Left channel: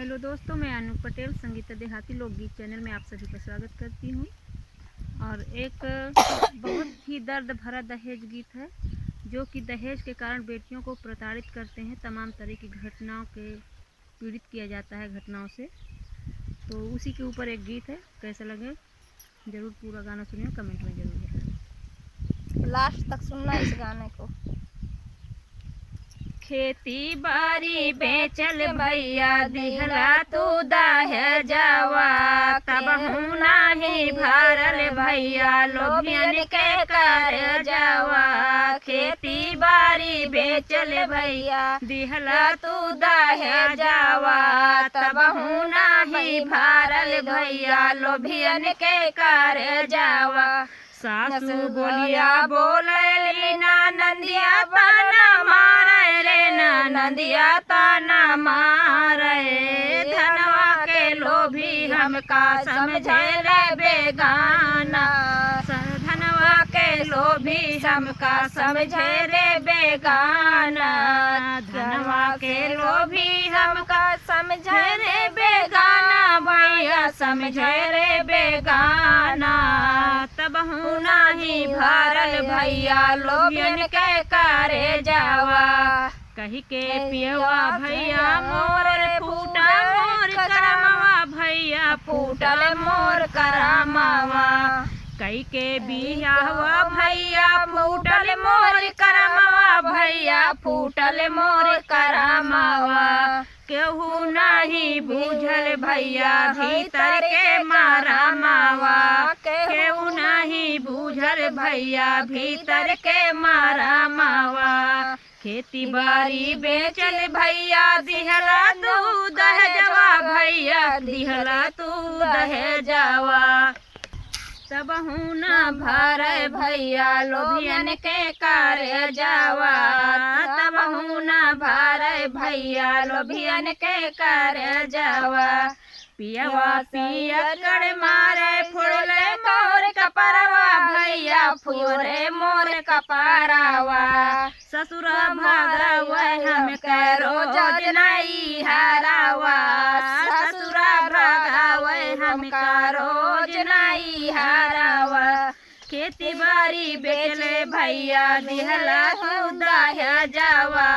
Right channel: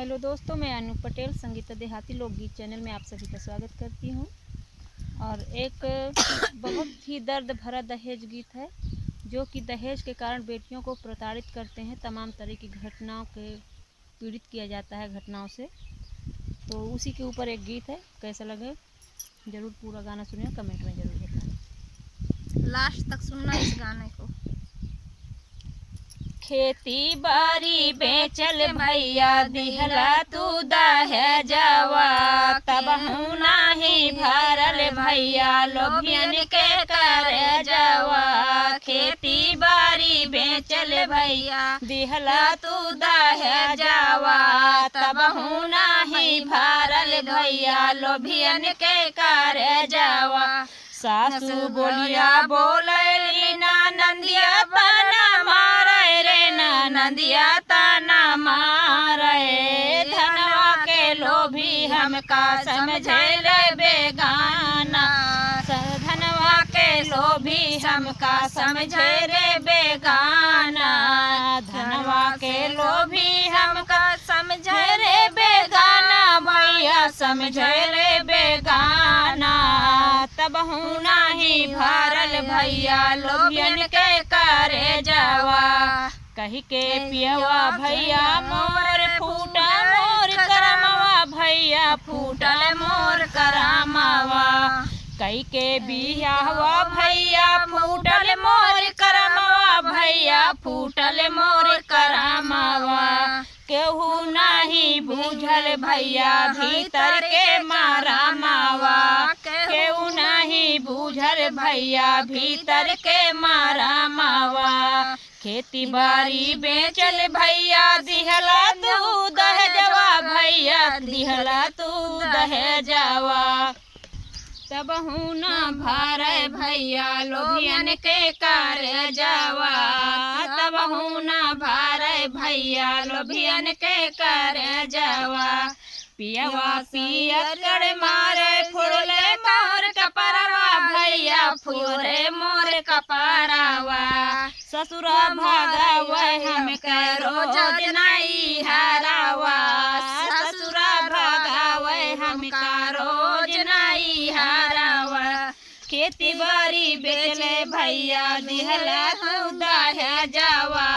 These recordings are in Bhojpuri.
हेलो दोस्तों, मैं अनु पटेल संगीता देहाती लोकगीत चैनल में आप सभी का स्वागत करती हूँ। और एक बहुत ही दर्द भरा दहेज गीत है जो कि दहेज के कारण बेटियों को प्रताड़ित करते हैं। तमाम तरह की घटनाओं के पीड़ित किया जाता है घटनाओं से, तो उसी के ऊपर एक गीत है। कैसा लगे ज़रूर पूरा गाना सुनिए, कमेंट में ज़रूर बताएं। लास्ट तक सुनना इस गाने को। खेती बाड़ी बेचल भैया दिहला तू दहेजवा, तब नाही भरल भैया लोभियन के करजवा। खेती बाड़ी बेचल भैया दिहला तू दहेजवा, तब नाही भरल भैया लोभियन के करजवा। सासू बोलिया बोले ना नंदिया बना मारे रे, ना नंदिया ताना मारे। धनवा के लोभी हमका समझे रे बेगाना, धनवा के लोभी हमका समझे रे बेगाना। धनवा के लोभी हमका समझे रे बेगाना, भैया समझे रे बेगाना। तब नाही भरल भैया लोभियन के करे जावा। कही के पियवा भैया मोर फूटल मोर करमवा, भैया फूटल मोर करमवा। कही के बियाहवा भैया फूटल मोर करमवा, भैया फूटल मोर करमवा। केहू नहीं बूझल भैया भीतर के मारा मावा, केहू नहीं बूझल भैया भीतर के मारा मावा। खेती बाड़ी बेचल भैया दिहला तू दहेजवा, भैया दिहला तू दहेजवा। तब न भरे भैया लोभियन के करे जावा, तब न भरे भैया लोभियन के करे जावा। पियवा सियर मारे फुले मोर कपरवा, भैया फुरे मोर कपरवा। ससुरा भागवा हम करो जनाई हरावा, ससुरा भागवा हम करो जनाई हरावा। खेती बाड़ी बेचले भैया दिहला तू दहेजवा,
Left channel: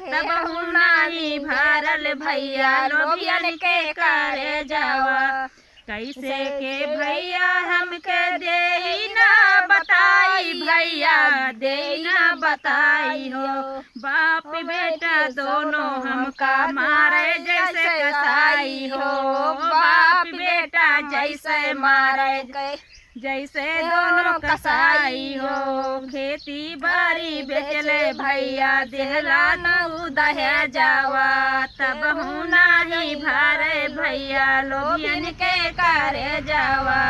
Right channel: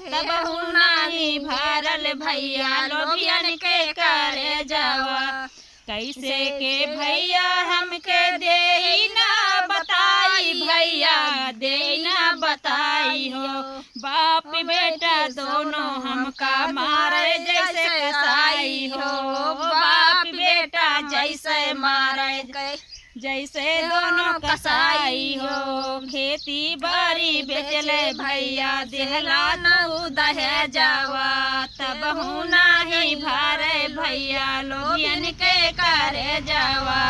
तब नाही भरल भैया लोभियन के करे जावा। कैसे के भैया हमके दे ना बताई, भैया दे ना बताई हो। बाप बेटा दोनों हमका मारे जैसे साई हो, बाप बेटा जैसे मारे जैसे दोनों कसाई हो। खेती बाड़ी बेचले भैया दिहला नऊ दहेजवा, तब नाही भरे भैया लोभियन के करे जावा।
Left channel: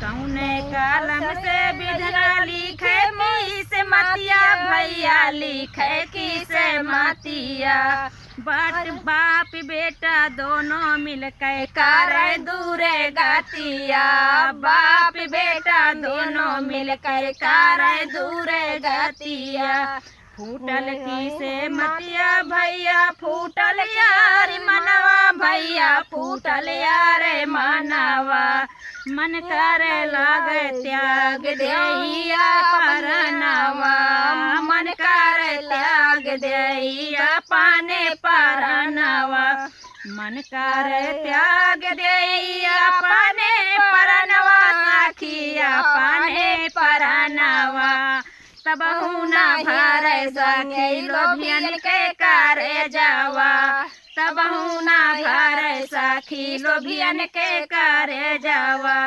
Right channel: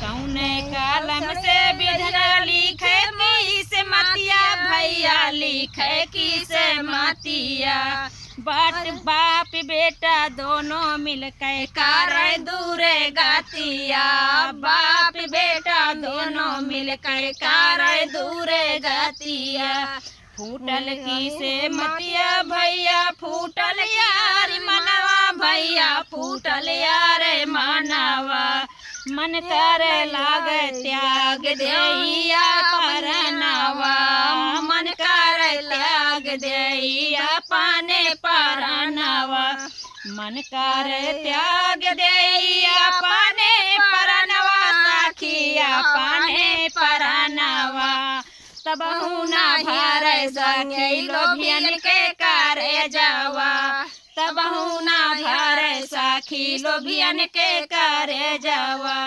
कौने कलम से बिधरा लिखे मीस मतिया, भैया लिखे किसे मतिया। बाप बेटा दोनों मिलकर करे दूरे गातिया, बाप बेटा दोनों मिलकर करे दूरे गातिया। फूटल किसे मतिया भैया फूटल यार मनवा, भैया फूटल यार मनवा। मन करे लागे त्याग देइया परनवा, मन करे लाग देइया पाने परनवा। मन करे त्याग देइया पाने परनवा, साखिया पाने परनवा। तब ना भरे संगे लोभियन के करे जावा, तब ना भरे साखी लोभियन के करे जावा।